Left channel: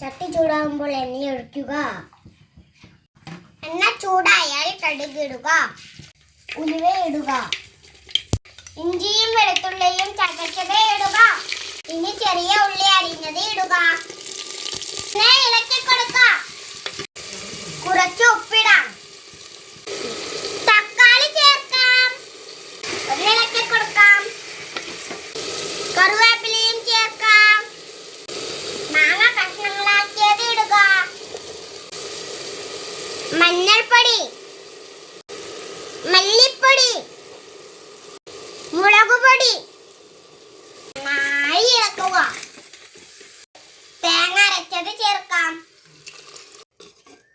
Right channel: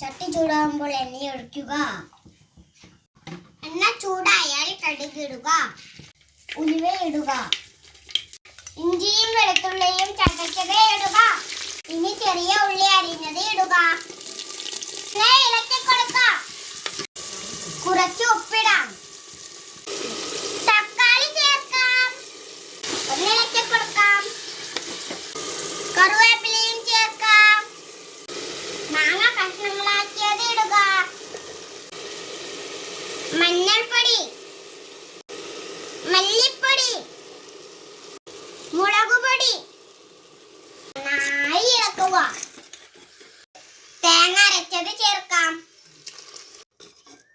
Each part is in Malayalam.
ചട്ടി ചൂടാകുമ്പോൾ എണ്ണ ഒഴിക്കുക. എണ്ണ ചൂടായാൽ കടുകിടുക ഉലുവയിടുക ഇഞ്ചിയും വെളുത്തുള്ളിയും മഞ്ഞൾപ്പൊടി മല്ലിപ്പൊടി മുളകുപൊടി. നന്നായി ഇളക്കുക. തേങ്ങ അരച്ചത് ചേർക്കാം.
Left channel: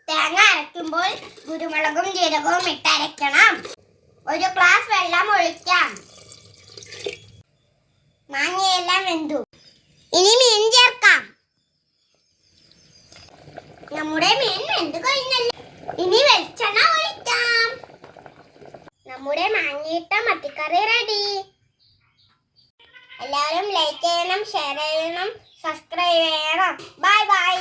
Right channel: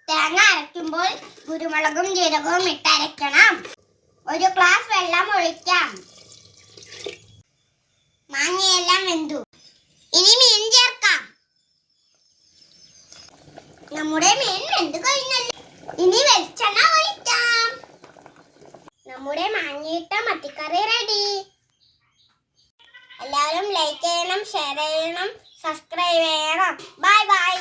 തേങ്ങ അരയ്ക്കുമ്പോൾ കുരുമുളകും ജീരകവും ഇട്ട് ഒരു ഗ്ലാസ് വെള്ളം ഒഴിക്കാം. മാങ്ങയെല്ലാം വെന്തു. ഇനി മീൻ ചേർക്കാം. നമ്മുടെ മീൻ വെന്ത് കഴിഞ്ഞല്ലോ? ഇനി വെളിച്ചെണ്ണ ഒഴിക്കാം. നമ്മുടെ മാങ്ങയിട്ട മത്തിക്കറി റെഡി എല്ലാവരും ലൈക്ക് ചെയ്യണം ഷെയർ ചെയ്യണം സബ്സ്ക്രൈബ് ചെയ്യണം. Bye bye